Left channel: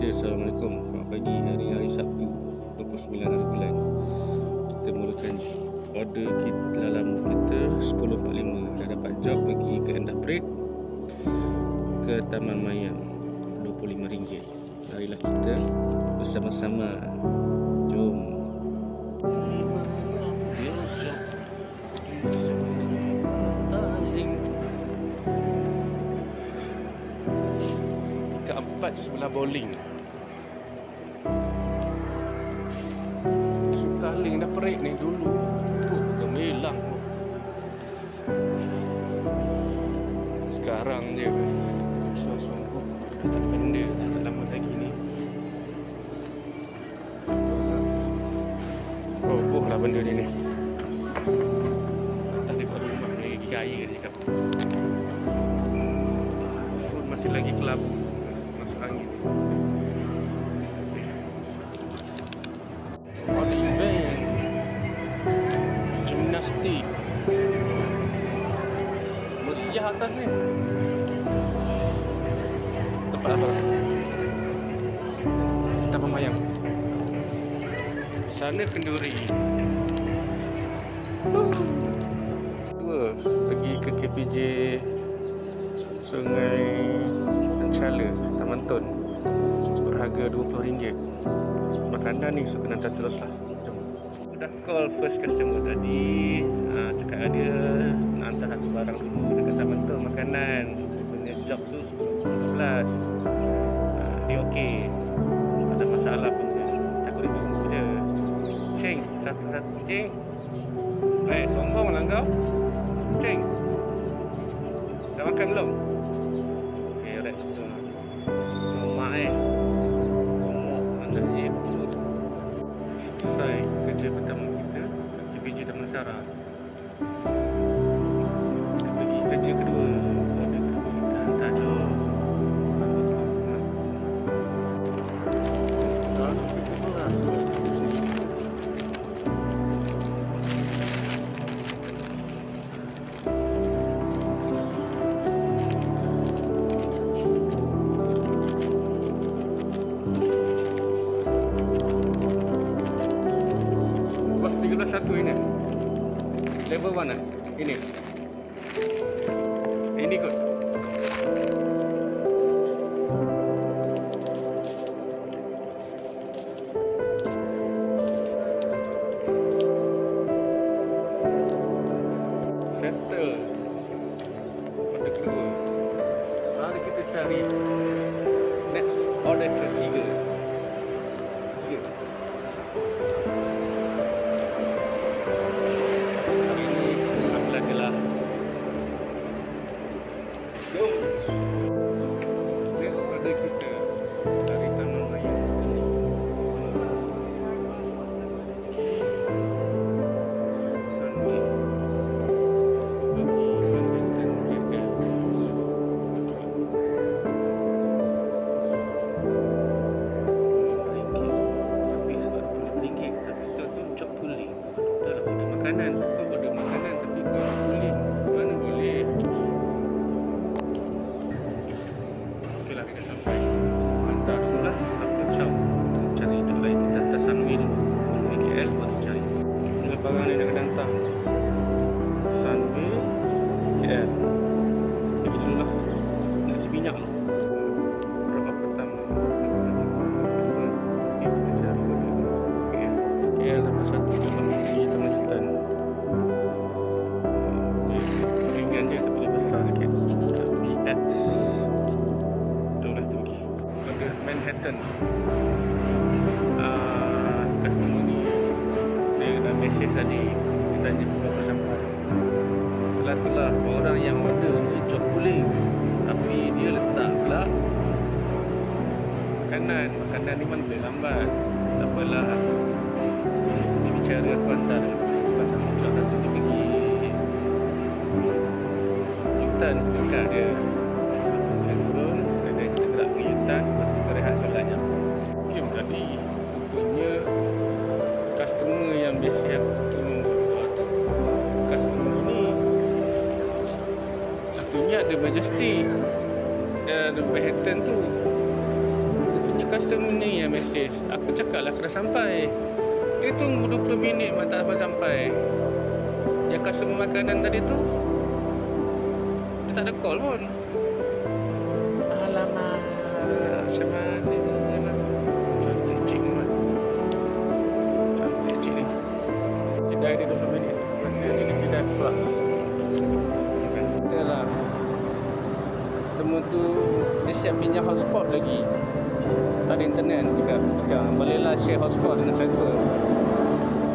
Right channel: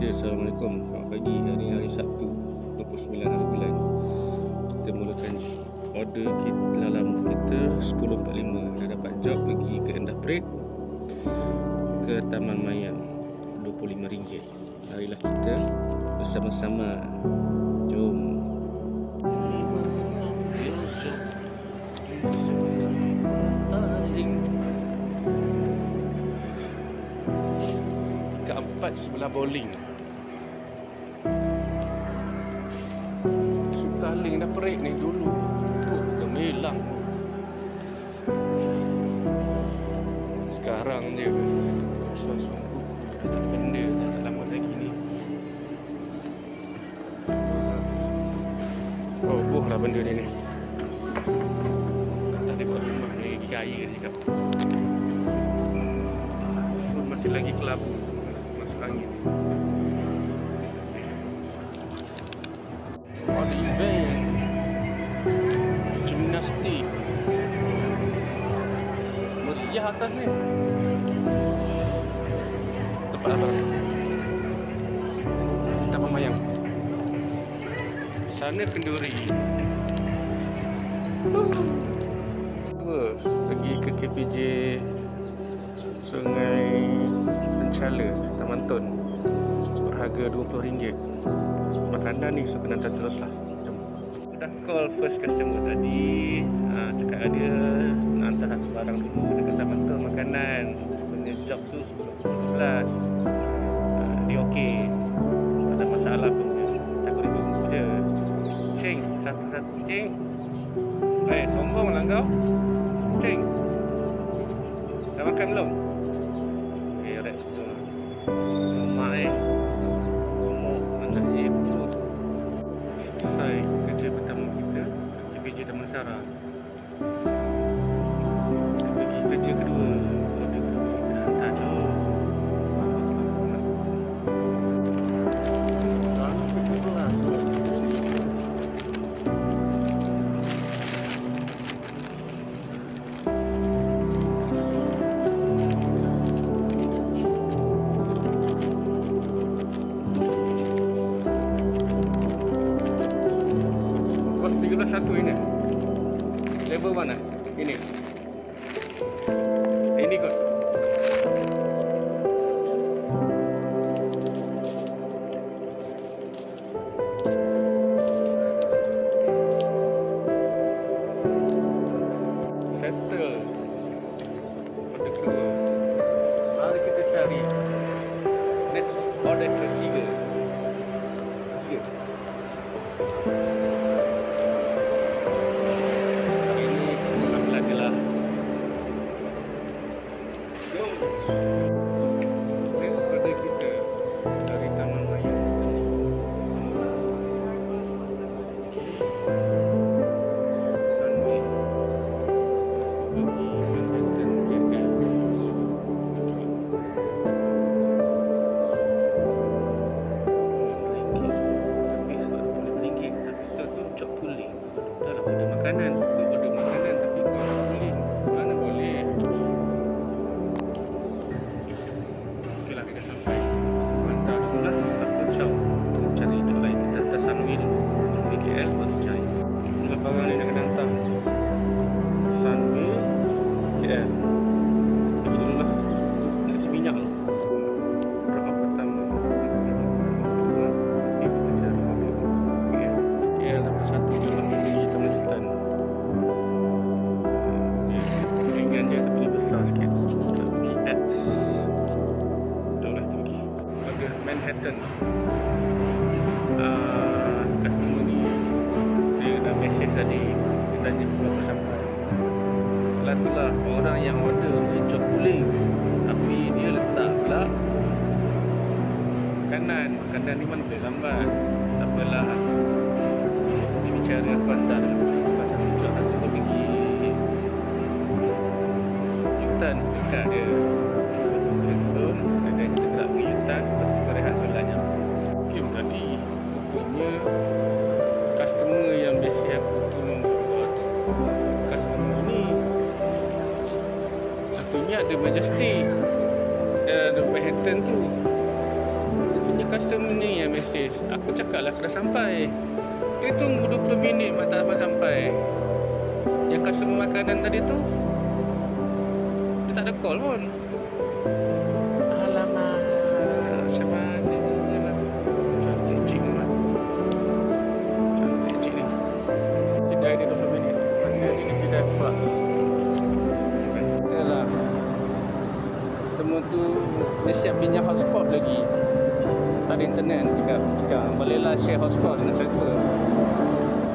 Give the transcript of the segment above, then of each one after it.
Okay, Assalamualaikum. Selamat pagi. Hari ini hari Sabtu 29 hari bulan. Kita mulakan order kita lama kita 10.45. Dah dapat job pergi ke Endah Parade ke Taman Mayang RM25. Marilah kita bersama-sama. Jom. Keempat sebelah bowling. Sutaling dah perik ni dulu. Gemilang. Sekarang je suang-suang kuku dah tak ada benda, dah tak lama lagi ni. Roboh lah benda ni. Tak ada buat rumah ni lagi kaya dia cakap. Food masih lagi kelabu. Angin. Ada event gimnastik meriah atas ni. Tempat apa? Taman Mayang. Sana kenduri. Dua pergi ke KPJ Sungai Penchala, Taman Tun, berharga RM20. Makanan ni so kena hantar terus lah. Jom. Dah call first customer tadi, cakap dia nak hantar satu barang dulu dekat Taman Tun, makanan. Punya job tu 10.15. Dia okey, tak ada masalah pun dia. Takut dia tunggu je. Cing, satu-satu cing. Sombong lah kau. Cing, dah makan belum? Alright, betul lah. Mak ngomong anak je perut. Selesai kerja pertama kita ke KPJ Damansara. Kita pergi kerja kedua. Order kedua kita hantar je. Kalau kita kelas tu bos 13.1 ini. Level mana? Ini. Ini kot. Settle. Order kedua. Mari kita cari next order ketiga. Hari ini ambil je lah. Go. Next order kita dari Taman Mayang sekali. Sunway. Pergi Manhattan KL. Habis RM20. Tapi kita tu job pulling. Dah lah order makanan. Kau order makanan tapi kau pulling. Mana boleh. Okey lah, kita sampai. Hantar dulu lah. Apa caw. Cari hidup lain. Kita hantar Sunway dulu. Sunway KL baru cari. Inilah barang ni nak kena hantar. Sunway KL. Pergi dulu lah. Nak isi minyak lah. Drop off pertama. Kita drop off kedua. Tapi kita cari order KL. KL dapat satu je lah. Pergi Taman Jutan. Ringan je tapi dia besar sikit. Kita pergi X. Dah lah kita pergi. Order Manhattan. Customer ni dia dah message tadi. Dia tanya berapa sampai. Itulah orang yang order ni job pulling, tapi dia letak pula makanan ni mana boleh lambat. Tak apalah, dia bicara aku hantar sebab satu job satu dia pergi Yutan dekat dia. Satu dia turun, dan kita gerak pergi Yutan, lepas tu kita rehat solat jam. Okay, tadi rupanya customer yang biasa aku tolong tu, customer ni satunya ada Majestic, ada Manhattan tu. Rupanya customer ni yang mesej. Aku cakap lah aku dah sampai. Dia tunggu 20 minit mak tak sampai. Yang customer makanan tadi tu, dia tak ada call pun. Alamak, macam mana lah. Cantik cik ni, cantik cik ni. Sidai dia 20 minit. Masih hari ni sidai pula. Betul lah. Customer tu dia siap pinjam hotspot lagi. Tak ada internet juga. Cakap bolehlah share hotspot dengan transfer.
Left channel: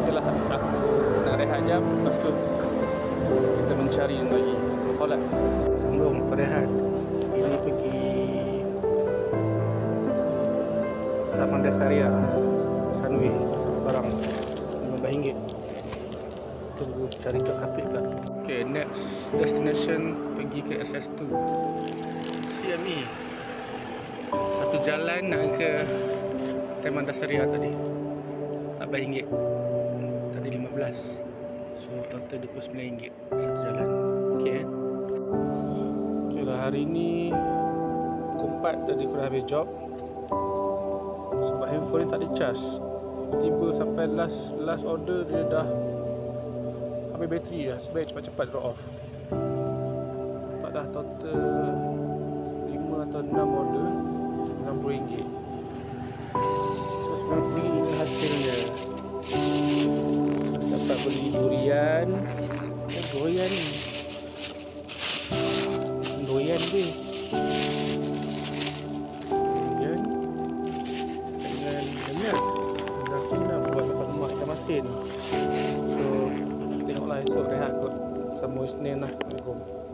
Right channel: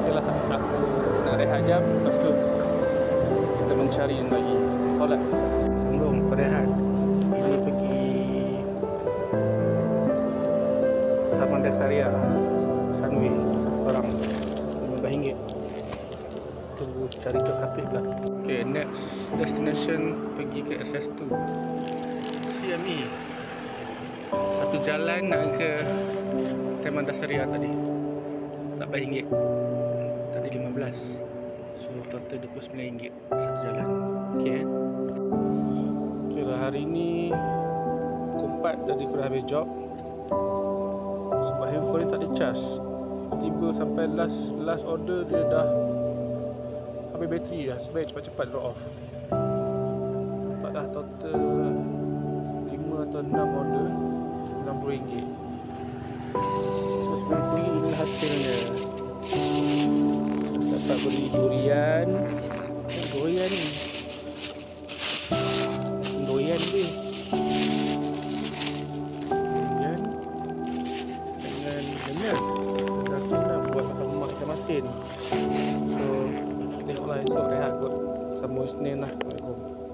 Okeylah, aku nak rehat jap. Lepas tu kita mencari lagi solat. Sambung berehat. Ini pergi Taman Dasaria Sunway, satu barang RM15. Tunggu cari job kapit pula. Okay, next destination pergi ke SS2 CME. Satu jalan nak ke Taman Dasaria tadi, tak bayar RM1. Tadi 15. So total RM29 satu jalan. Okay. Okay lah, hari ni pukul 4 tadi aku dah habis job. Sebab handphone ni tak ada charge. Tiba-tiba sampai last order dia dah habis bateri dah. Sebaik cepat-cepat drop off. Nampak dah total 5 atau 6 order RM90. So RM90 ini hasilnya. Dapat beli durian. Durian ni durian ni durian dengan lenas. Dah nak buat masak lemak ikan masin. So tengoklah esok rehat kot. Sambung Isnin lah. Assalamualaikum.